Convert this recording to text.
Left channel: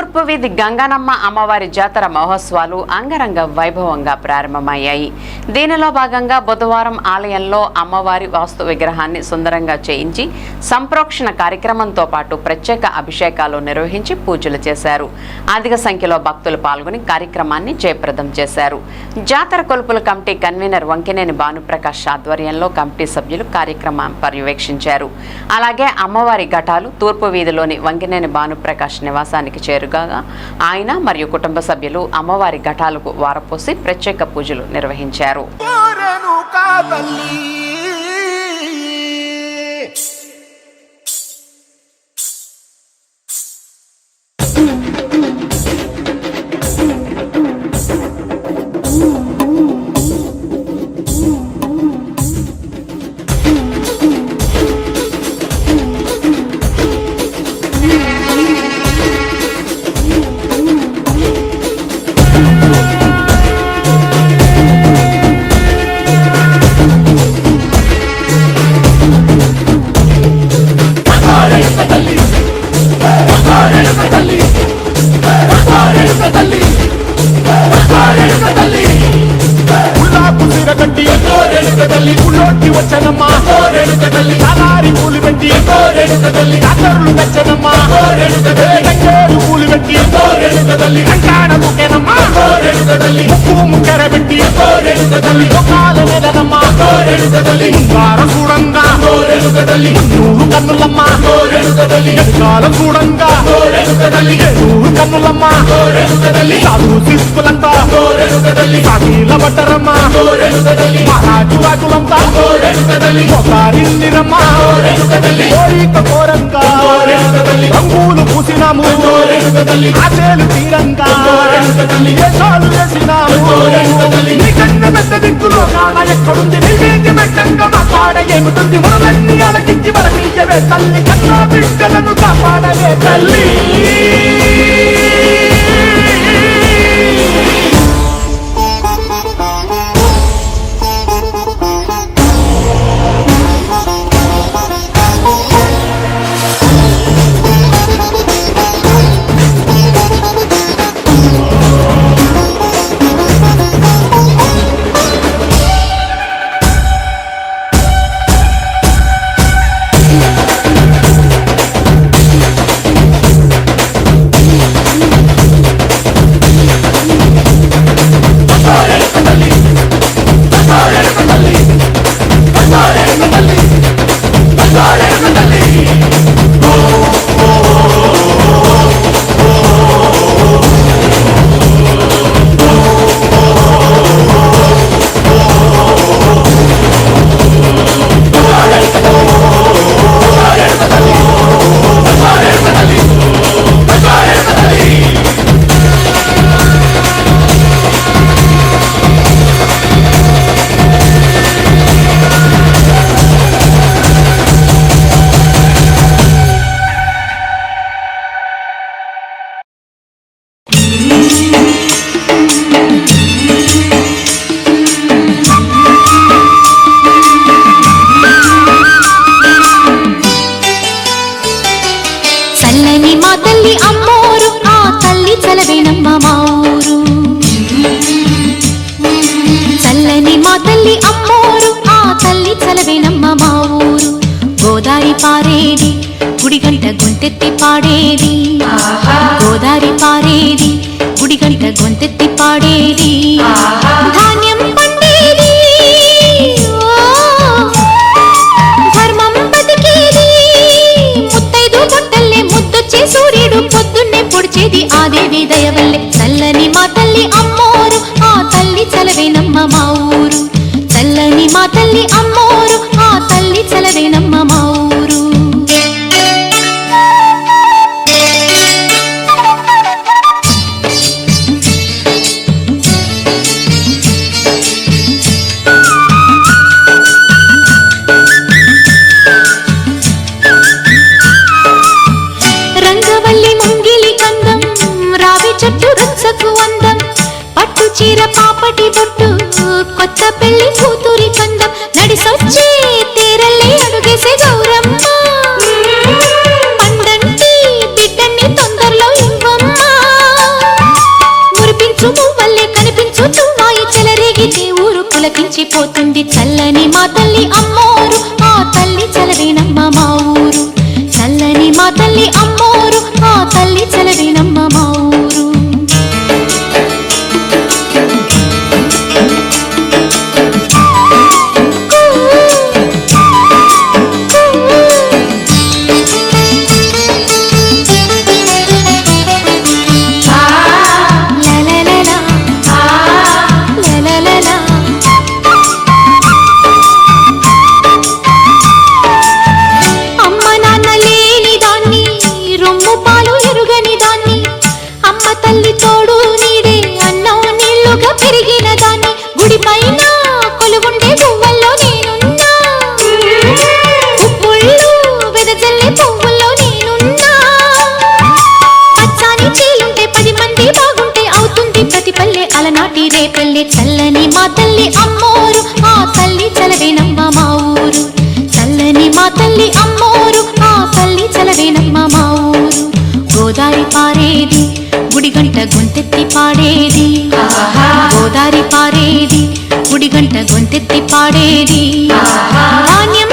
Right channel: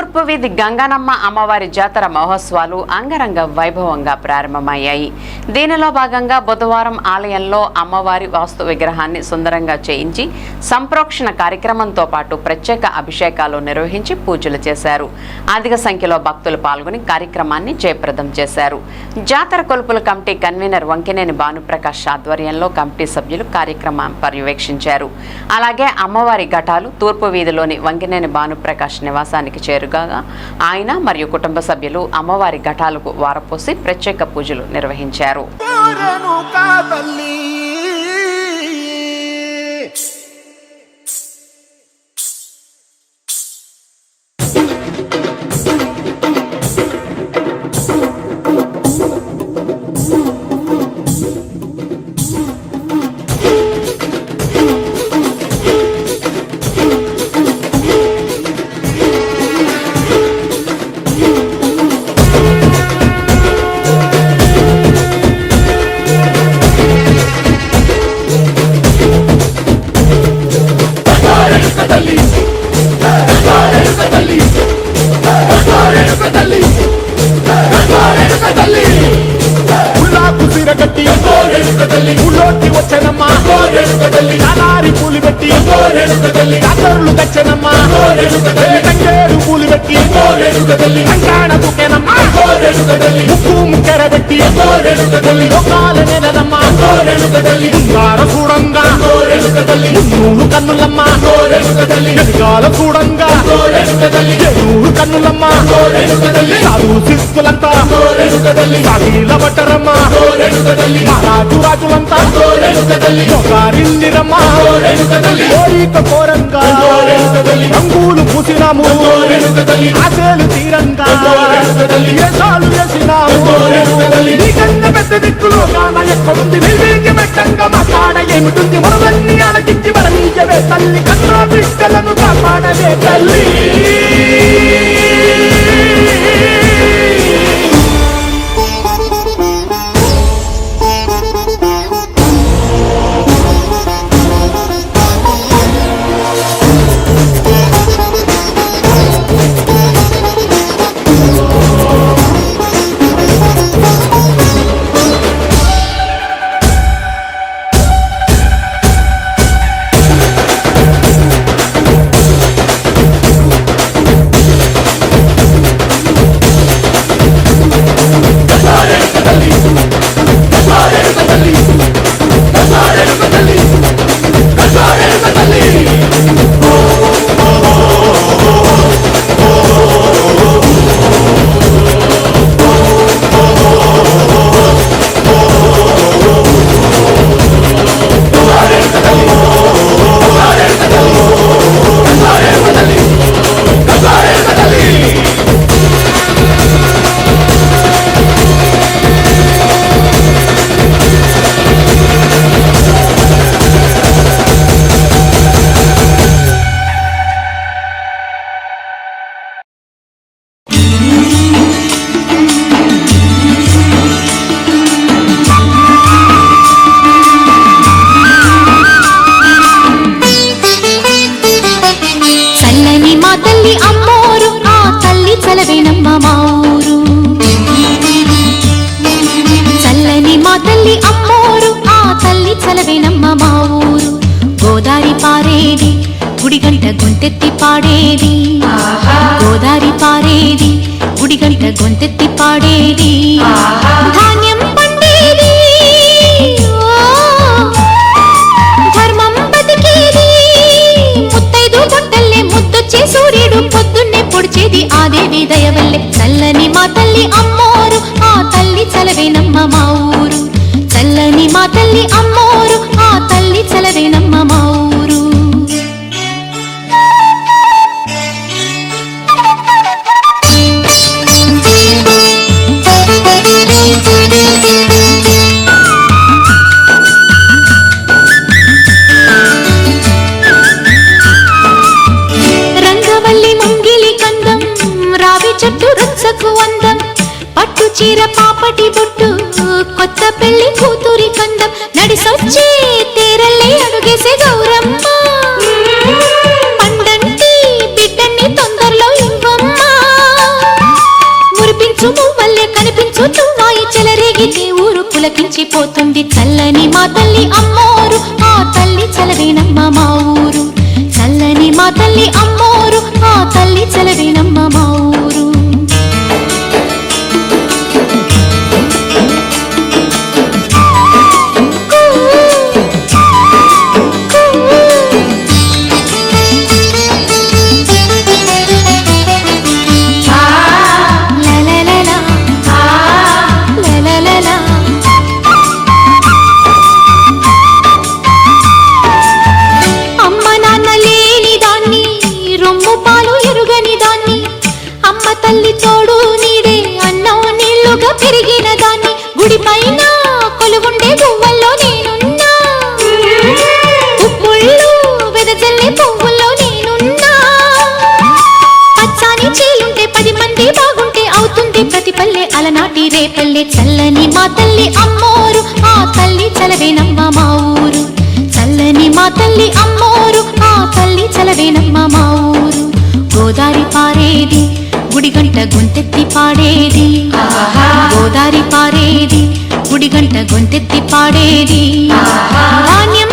తూర్పు వీధి గంగానమ్మ అమ్మవారి జాతర మహోత్సవాలు అంగరంగ వైభవంగా ప్రారంభమయ్యాయి. దీనిలో భాగంగా బుధవారం ఆలయంలో అమ్మవారి వాస్తు విగ్రహాన్ని సుందరంగా చేయించి సంప్రోక్షణ కార్యక్రమంతో పాటు ప్రత్యేక అభిషేకాలు నిర్వహించి పూజలు చేశారు. అధిక సంఖ్యలో భక్తులు పాల్గొని కార్యక్రమాన్ని జయప్రదం చేశారు. జాతర కొలుపుల కమిటీ కన్వీనర్ వంకినేని భానుప్రకాష్ ఆధ్వర్యంలో కమిటీ సభ్యులు కార్యక్రమం పర్యవేక్షించారు. అలాగే అమ్మవారి ఘటాలు తూర్పు వీధిలోని వంకినేని భానుప్రకాష్ నివాసానికి చేరుగా ఆయన మరియు కుటుంబ సభ్యులు అమ్మవారి ఘటాలకు వారపోసి ప్రత్యేక పూజలు నిర్వహించారు. కట్టి ఊళ్ళోకి వచ్చనమ్మా, చాలారి పూలు పెట్టి జాతరులు తెచ్చనమ్మా, తంగేడు పూలు పెట్టి కంకాణ దూకేనమ్మా, ముక్కు ముక్కెర పెట్టి లోకాల నెలదమ్మా, ముందార చూడంగా మున్నూరు కన్నులమ్మా, వెనకాల చూడంగా ఏనూరు కన్నులమ్మా, సాధు శిస్తులంతా సాగిల బట్టరమ్మా, మహారాజు రాజులంతా మొగారిల్లిరమ్మా, కోరిక కోరంగా రంగులు పూసినాము, ఆశలు తీరంగా వేషాలు వేసినాము, నీకన్నా పెద్ద దిక్కులో కాన ఎక్కడుంది, నైవేద్య మెట్టంగా మాట్లాడ ఏమిటుంది, మనలన్నీ అలకించి మనమీయవే తల్లి, కన్నా బిడ్డలను కాపాడవే తల్లి. గోదారి పారేది గుడిగంట గొంతెత్తి పాడేది, గోదారి పారేది గుడిగంట గొంతెత్తి పాడేది, ధాన్యం పండేది ధర్మం బతికేది, ముత్తైదు బొట్టల్లే ముద్దొచ్చే సూర్యుడు పొద్దున్నే పొడిచేది ఆ దేవి దయవల్లే. చల్లని మా తల్లి అమ్మోరు ఆ తల్లి చలవేనమ్మ మా ఊరు, చల్లని మా తల్లి అమ్మోరు ఆ తల్లి చలవేనమ్మ మా ఊరు. రంగవల్లి ముంగిలి కందం రావి చెట్టు రుచ్చకు అందం, పట్టు చీర పాపటి బొట్టు కొత్త పెళ్లి కూతురి కందం, నడిసొచ్చే తేరల్లే అడుగేసే గౌరమ్మ, పండంటి బిడ్డని తొందరలో ఇవ్వమ్మ. పులకించిపోతుంది చల్లని మా తల్లి అమ్మోరు ఆ తల్లి చలవేనమ్మ మా ఊరు చల్లని మా తల్లి అమ్మోరు ఆ తల్లి చలవేనమ్మ మా ఊరు తల్లి తోడు నీడే అన్నం నీళ్లుగా పెరిగిన దాన్ని గుడి పైన కొలువుండే గువ్వల్లో నేనున్నా ఉప్పుళ్ళు వెదజల్లే పువ్వుల్లో నేనున్నా పచ్చాని చేలుంటే 10 మంది బాగుంటే అవుతుంది ప్రతి పల్లె అలనాటి రేపల్లె చల్లని మా తల్లి అమ్మోరు ఆ తల్లి చలవేనమ్మ మా ఊరు చల్లని మా తల్లి అమ్మోరు ఆ తల్లి చలవేనమ్మ మా ఊరు గోదారి పారేది గుడిగంట గొంతెత్తి పాడేది గోదారి పారేది గుడిగంట గొంతెత్తి పాడేది ధాన్యం